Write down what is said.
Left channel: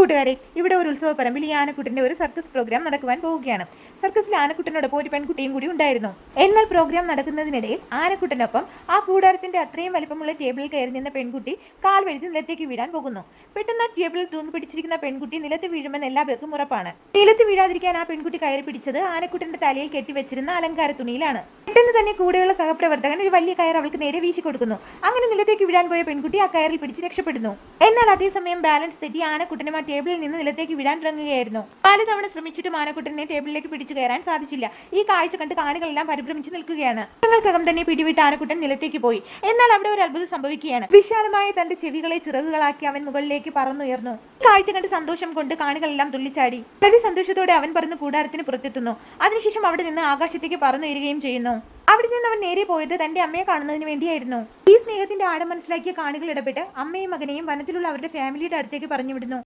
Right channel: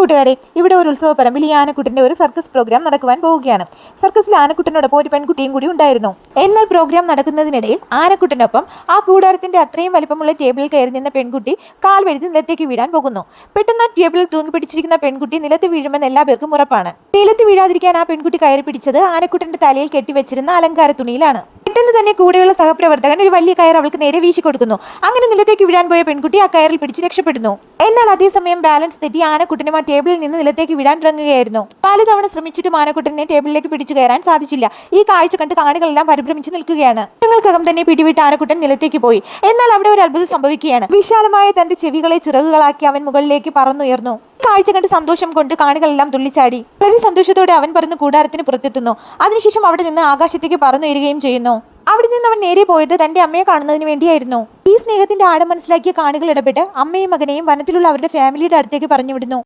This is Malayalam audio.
കൂട്ടുകാരെ, ഇവിടെ ഒരു ഉത്സവ പറമ്പിൽ ഈ ആനക്കുട്ടന്റെ ഒരു സർക്കസ് പ്രോഗ്രാം നടക്കുവാൻ പോവുകയാണ്. സർക്കസിൽ ആനക്കുട്ടനോടൊപ്പം ഒരു പെൺകുട്ടിയും കൂടി ഉണ്ടായിരുന്നു. എന്നാൽ പ്രോഗ്രാം നടക്കുന്നതിനിടയിൽ ആനക്കുട്ടനൊപ്പം ആ കൂടാരത്തിന്റെ അത്രയും വലിപ്പമുള്ള ടേബിളിൽ കയറി നിന്ന പെൺകുട്ടി കാൽ വഴുതി നിലത്തേക്ക് വീഴാൻ പോകുന്നു. പെട്ടെന്ന് ആ ടേബിളിൽ തൂങ്ങി പിടിച്ചിരിക്കുന്ന പെൺകുട്ടി നിലത്ത് വീഴുമെന്ന് എല്ലാവർക്കും ഉറപ്പാണ്. നിലത്ത് വീഴാതിരിക്കാൻ ആ പെൺകുട്ടി കയറി പിടിച്ചത് ആനക്കുട്ടന്റെ തലയിൽ കെട്ടിവെച്ചിരുന്ന അലങ്കാര തുണിയിലാണ്. പെട്ടെന്ന് തന്നെ കൂടെയുള്ള സഹപ്രവർത്തകൻ ഒരു വലിയ കയർ അവൾക്ക് നേരെ വീശി കൊടുക്കുന്നു. അങ്ങനെ നിലത്തേക്ക് വീഴാൻ പോയ പെൺകുട്ടി ആ കയറിൽ പിടിച്ച് രക്ഷപ്പെടുന്നു. എന്നാൽ അതേസമയം ബാലൻസ് തെറ്റി ആനക്കുട്ടനും ആ ടേബിളിൽ നിന്ന് നിലത്തേക്ക് വീഴാൻ തുടങ്ങുകയായിരുന്നു. 4 തവണ ശ്രമിച്ചിട്ടും ആനക്കുട്ടനെ ടേബിളിലേക്ക് പിടിച്ചു കയറാൻ സാധിച്ചില്ല. ഈ കാഴ്ച കണ്ട് കാണികളെല്ലാം പരിഭ്രമിച്ച് നിൽക്കുകയാണ്. ഞങ്ങൾക്കകം തന്നെ പിടിവിട്ട് ആനക്കുട്ടൻ നിലത്തേക്ക് പോയി. എന്നാൽ അവിടെ ഒരു അത്ഭുതം സംഭവിക്കുകയാണ്. വിശാലമായ തന്റെ ചെവികളെ ചിറകുകളാക്കി അവൻ മുകളിലേക്ക് പറന്നുയർന്നു. കാഴ്ച കണ്ട് സന്തോഷം കൊണ്ട് കാണികളെല്ലാം തുള്ളിച്ചാടി. വളരെ സന്തോഷത്തോടെ അവൻ പറന്ന് കൂടാരത്തിന് പുറത്തെത്തുന്നു. അതിനുശേഷം അവിടെ നിന്ന് ആകാശത്തേക്ക് പറന്നുയരുകയും ചെയ്യുന്നു. അവിടെ നിന്ന് അവൻ നേരെ പോയത് തന്റെ അമ്മയെ കാണുന്നതിന് വേണ്ടിയായിരുന്നു. ഈ സ്നേഹത്തിന്റെ ആഴം മനസ്സിലാക്കിയ കാണികൾ ഇടപെട്ട് അമ്മയും മകനെയും വനത്തിലുള്ള അവരുടെ ഫാമിലിയുടെ അടുത്തേക്ക് പറഞ്ഞു വിടുന്നു.